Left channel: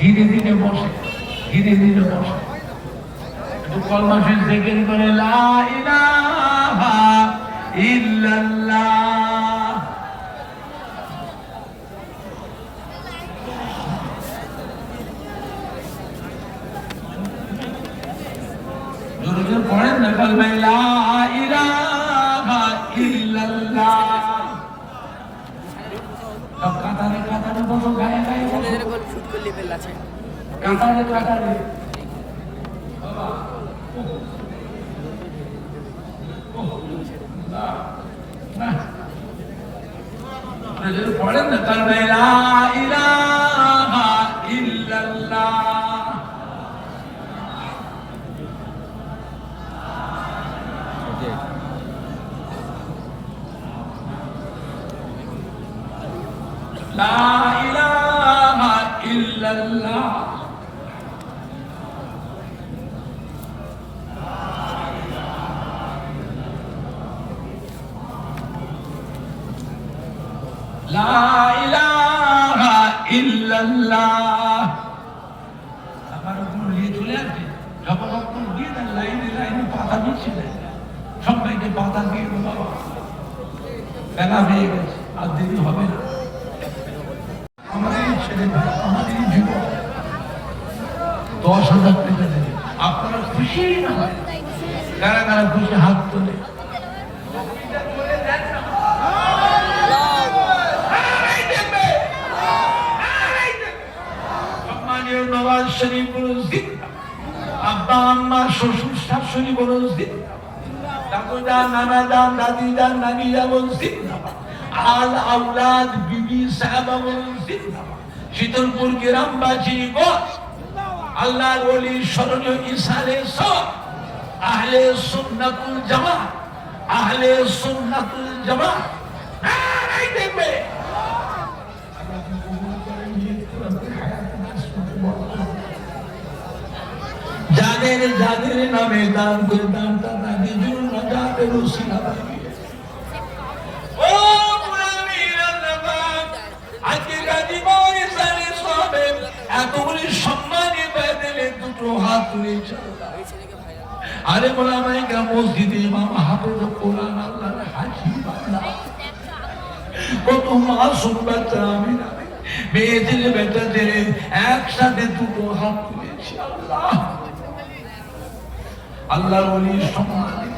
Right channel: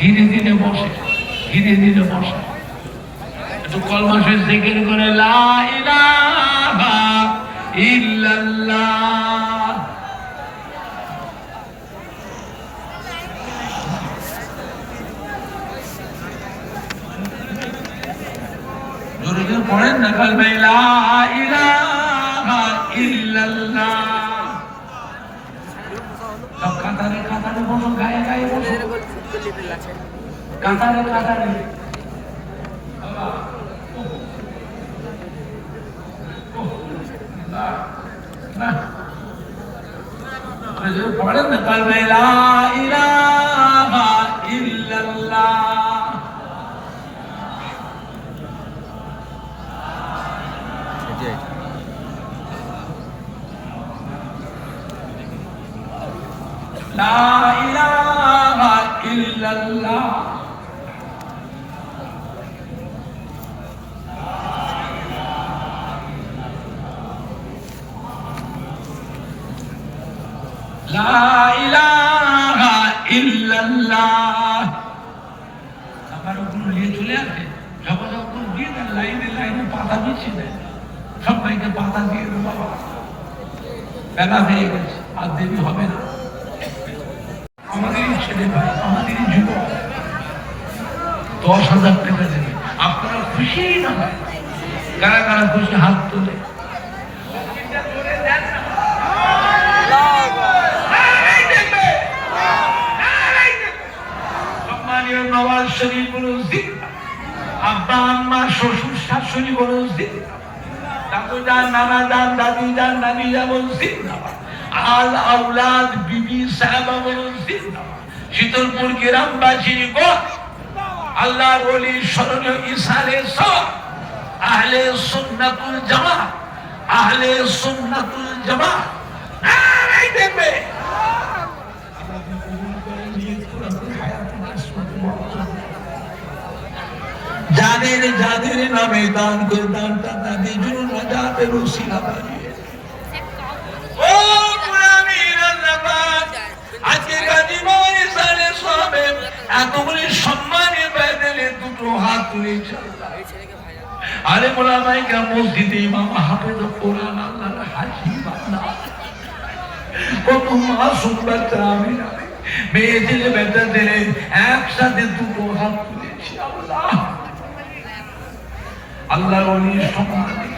ধীরে ধীরে বসে, ধীরে ধীরে বসে, একটু কলমা শরীফ জিকির করে লা ইলাহা ইল্লাল্লাহ। জোরে জোরে পড়েন না কালমা লা ইলাহা ইল্লাল্লাহ। সব কাতারে কাতারে বসো, গায়ে গায়ে বসো, কাতারে কাতারে। পড়েন না কালমা লা ইলাহা ইল্লাল্লাহ। লা ইলাহা ইল্লাল্লাহ। লা ইলাহা ইল্লাল্লাহ। আমার ওগুলো নিয়ে চলে আসবে, যখন আপনার দিয়ে দেন লাইনে লাইনে পাতা দিচ্ছে দেন, সবাইকে পাতা দিয়ে দেন। বাবা বেলা হয়ে গেছে, আর দেরি হবে না। আমাদেরই ছেলে ভাই, আমাদেরই যুবক, 10,000 টাকা দেবে। আপনারা খুশি না হয়? কারা কারা খুশি হাত তোলে। সম্মানীয় নওয়াজ শরীফ বলুন জিন্দা, আব্বা আম্মা শ্বশুর শাশুড়ি বলুন জিন্দা, দাদু যান নানা যান দাদি যান নানি যান জিন্দা, আল আউলাদ বিবি সাহাবা বলুন জিন্দা, শীতলপুর গ্রামবাসী বল আল্লাহর ওলি স্মরণীয় ইসালে সব আহলে সুন্নাতুল জামাত, আহলে সুন্নাতুল জামাত। নারায়ে দেখবে যাদের যাদের নামে দান করে দানটা তাদের জন্য নাজাতের ওসিলা বানিয়ে। ও মুমিনিন আল্লাহ, আজকে গাজীপুর ইসালে সবে এতগুলি সম্মানে পেয়ে দুটো হাত তুলেছে। আরে মোলামাই কা মসজিদে ইমাম হাফেজ কোরআন আল্লাহর হাজি বান্দা, কত মাসুম বাচ্চা আমি না মেয়ে ছেলে বেটা ছেলে একসাথে দুটো হাত তুলেছি। আল্লাহ আল্লাহর ওলি সম্মানে